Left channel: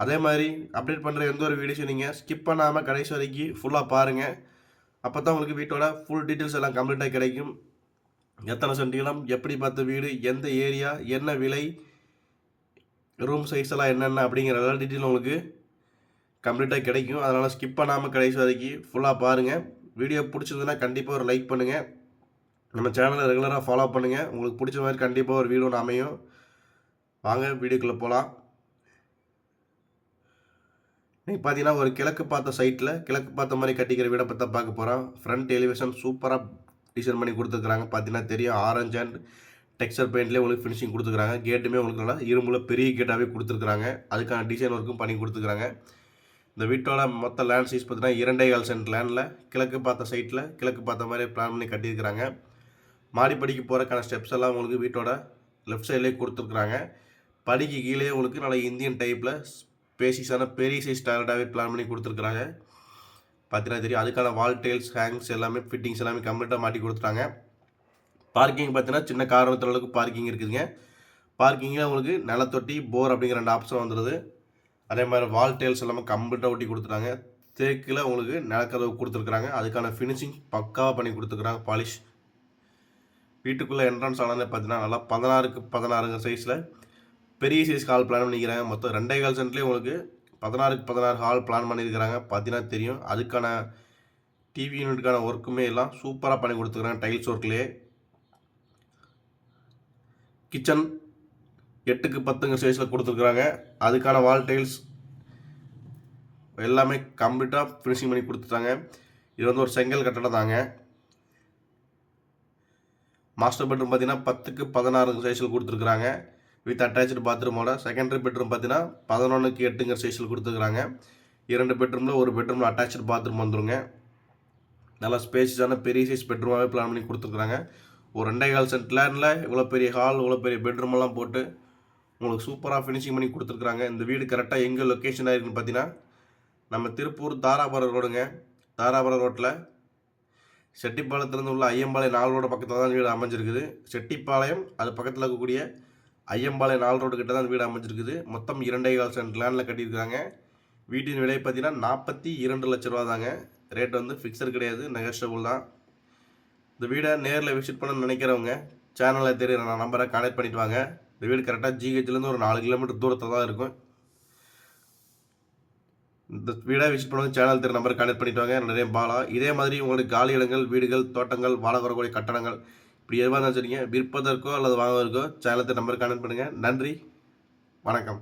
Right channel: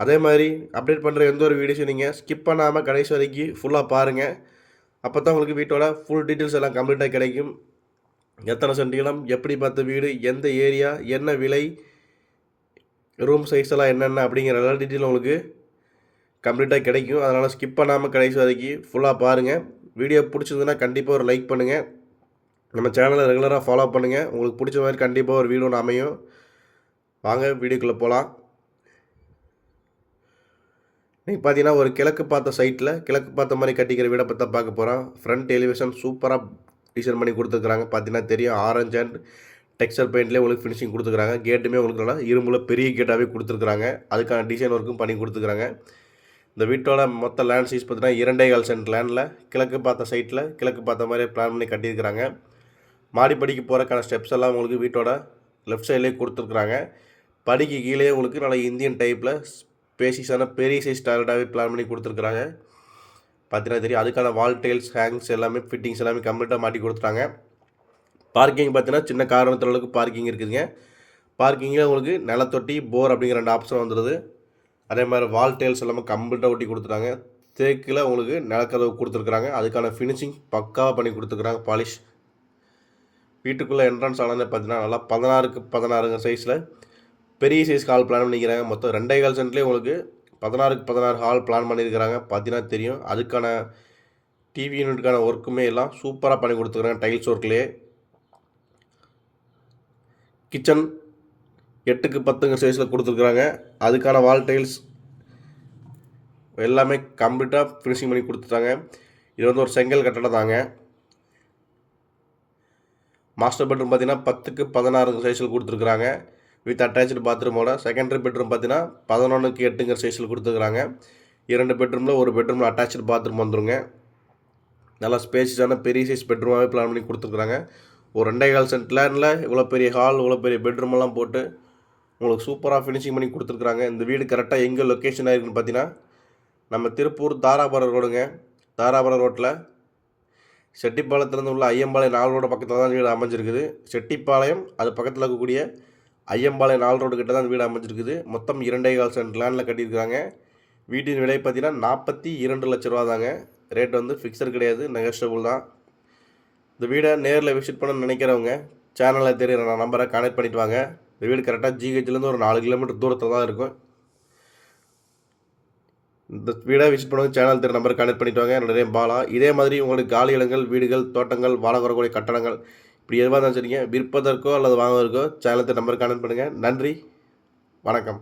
அதே மாதிரி அப்டேட் பண்ணுற எந்த ஒரு வீடியோஸும் நீங்கள் ஸ்கிப் பண்ணாமல் கடைசி வரைக்கும் ஃபுல்லாக பாருங்கள் அப்போ தான் உங்களுக்கு வீட்டோட ஃபுல் டீட்டெயில்ஸ் எல்லாம் கம்ப்ளீட்டாக கிடைக்கும். எத்தனை சென்ட் எப்படி பார்த்த வீடு எந்த ஏரியா என்ன விலை ரூம் சைஸ் எல்லாம் என்னென்ன அப்படிங்கிற எல்லா டீட்டெயிலும் உங்களுக்கு கம்ப்ளீட்டாக கிடைக்கும். அதனால் ஸ்கிப் பண்ணாமல் கடைசி வரைக்கும் ஃபுல்லாக பாருங்கள் வீடியோ பிடிச்சதுன்னா கண்டிப்பாக ஒரு லைக் பண்ணுங்கள் நம்ம சேனலை ரெகுலராக ஃபாலோ பண்ணுங்கள் உங்களுக்கு பிடிச்ச மாதிரி கண்டிப்பாக ஒரு வீடியோ ஒன்று அமையும். வாங்க வீடியோக்குள்ளே போகலாம் நீங்கள் பார்த்தீங்கன்னா ஒரு கிழக்கு பார்த்த சைட்டில் கிழக்கு பார்த்த மாதிரி கட்டிக்கிற வீடை பற்றி பார்க்க போகிறோம் ஃப்ரண்ட் எலிவேஷன் சூப்பராக டிசைன் பண்ணி கொடுத்துருக்குறாங்க. பார்த்தீங்கன்னா தெரியும் ஆரஞ்சு அண்ட் டெக்ஸ்டர் பெயிண்ட்லேயே உங்களுக்கு ஃபினிஷிங் கொடுத்துருக்காங்க கேட்டுமே உங்களுக்கு நல்லா இரும்புல பெரிய கேட்டாகவே கொடுத்துருக்குறாங்க. அதுக்கான டிசைன் ஒர்க்கும் பண்ணி கொடுத்துருக்குறாங்க. இந்த வீட்டோட மொத்த லேண்ட் சைஸ் பார்த்தீங்கன்னா இரண்டே கால் சென்ட் லேண்டில் கிழக்கு பார்த்த சைட்டில் கிழக்கு பார்த்த மாதிரி பிளான் பண்ணி கட்டியிருக்கிறாங்க. மாடிப்படிக்கு போகிறக்கான ஸ்டெப்ஸ் எல்லாம் உங்களுக்கு வீட்டோட லெஃப்ட் சைட்லேயே கொடுத்துருக்குறாங்க. படிக்கு கீழே உங்களுக்கு நல்ல இந்தியன் டைப்பில் பேசிஸான பெரிய சைஸ் டாய்லெட்டாகவே பிளான் பண்ணி கொடுத்துருக்குறாங்க. பார்த்தீங்கன்னா தெரியும் அதுக்கான வால் டெயில்ஸ் ஹேங்ஸ் எல்லாமே ஃபிட்டிங்ஸ் எல்லாமே கம்ப்ளீட்டாக மாட்டி கொடுத்துட்டாங்க. பார்க்கிங் பார்த்தீங்கன்னா சின்ன காரணத்தில் அளவுக்கு பார்க்கிங் இருக்குதுங்க. பார்க்கிங்கில் உங்களுக்கு நிலத்தொட்டி போர் அப்படிங்கிற ரெண்டு ஆப்ஷன் வந்துடுது அதே மாதிரி வால் டெயில்ஸ் எல்லாமே கம்ப்ளீட்டாக ஒட்டி கொடுத்துட்டாங்க. தேக்கில் உங்களுக்கு நிலக்கதவு கொடுத்துருக்குறாங்க. அதுக்கான ஃபினிஷிங் பக்காவாக பண்ணி கொடுத்துருக்குறாங்க பாலிஷ் வீட்டுக்குள்ளே என்ட்ரன்ஸ் ஆனது பார்த்தீங்கன்னா நல்லா பதினாறுக்கு பதினாறுங்க சைஸில் பெரிய சைஸ் ஹால் பிளான் பண்ணிக்கிறாங்க மொத்தம் ரெண்டே கால் சென்ட்லேயே உங்களுக்கு பதினாறுக்கு பதினாறு ஹால் பிளான் பண்ணியிருக்கிறாங்க. பார்த்தீங்கன்னா தெரியும். அதுக்கான டிவி யூனிட்டுக்கான ஒர்க்குமே எல்லாம் சூப்பராக பண்ணி கொடுத்துருக்குறாங்க டைல்ஸ் ஒர்க்லேயே கிச்சன் எட்டுக்கு பத்துங்க சைஸில் கொடுத்துருக்குறாங்க அதுக்கான வால் டைல்ஸ் எல்லாமே கம்ப்ளீட்டாக ஃபினிஷிங் பண்ணி கொடுத்துட்டாங்க. இது வந்து ஒரு செங்கல் கட்டடம் தாங்க. மாஸ்டர் பெட்ரூம் பார்த்தீங்கன்னா பத்துக்கு பதினாறு சைஸில் கொடுத்துருக்குறாங்க வித் அட்டாச்சு பாத்ரூமோட செகண்டரி பெட்ரூம் பார்த்தீங்கன்னா பதினொன்றுக்கு எட்டுங்கிற சைஸில் கொடுத்துருக்குறாங்க. இரண்டு பெட்ரூமில் ஒரு பெட்ரூமில் அட்டாச்சு பாத்ரூம் வந்துருங்க. நல்லா ஸ்பேசியஸான பெரிய சைஸ் பெட்ரூமாகவே பிளான் பண்ணி கொடுத்துருக்குறாங்க. ஒரு ரெண்டே கால் சென்ட் லேண்டில் இவ்வளோ பெரிய ஹால் இவ்வளோ பெரிய பெட்ரூம் எல்லாம் போட்டு உங்களுக்கு சூப்பராக ஃபினிஷிங் பண்ணி கொடுத்துருக்குறாங்க. இந்த வீடு கரெக்டாக எங்கே லொக்கேஷன் ஆயிருக்குன்னு பார்த்தீங்கன்னா நம்ம திருப்பூர் தாராபுரம் ரோடுங்க. தாராபுரம் ரோட்டில் செட்டிப்பாளையத்துலேருந்து உள்ள ஐயம்பாளையம் நாலு ரோடு பக்கத்தில் தான் வீடு அமைஞ்சிருக்குது. செட்டிப்பாளையம் அது பக்கத்தில் இருக்கக்கூடிய ஐயம்பாளையம் நாலு ரோடு கிட்ட தான் வீடு அமைஞ்சிருக்குது. மொத்தம் இரண்டே கால் சென்ட் லேண்டில் கட்டியிருக்காங்க வீட்டின் விலை பார்த்தீங்கன்னா நாற்பத்தி இரண்டு லட்ச ரூபா தாங்க ரேட் வந்து ஃபிக்ஸர் கிடையாது. நெகஸ்டபுள் தான். இந்த வீடை நேரில் விசிட் பண்ண நினைக்கிறவங்க சேனலில் தெரியுற நான் நம்பரை கனெக்ட் பண்ணிட்டு வாங்க. இந்த வீடு கரெக்டாக ஜிஹெச்லேருந்து ஒரு நாலு கிலோமீட்டர் தூரத்தில் தான் இருக்கும். இந்த வீடை விசிட் பண்ணுவது சேனல் தெரிய நம்பர் கனெக்ட் பண்ணிட்டு வாங்க. நிறைய பாலா. இதே மாதிரி உங்களுக்கு காலி இடங்கள் வீடுகள் தோட்டங்கள் வாழ வரக்கூடிய கட்டடங்கள் இப்படி எதுவாக இருந்தாலும் சரிங்க. விற்பதற்கோ அல்லது வாங்குவதற்கோ சேனலத்தை நம்பர் கனெக்ட் பண்ணுங்கள் நன்றி. வணக்கம்.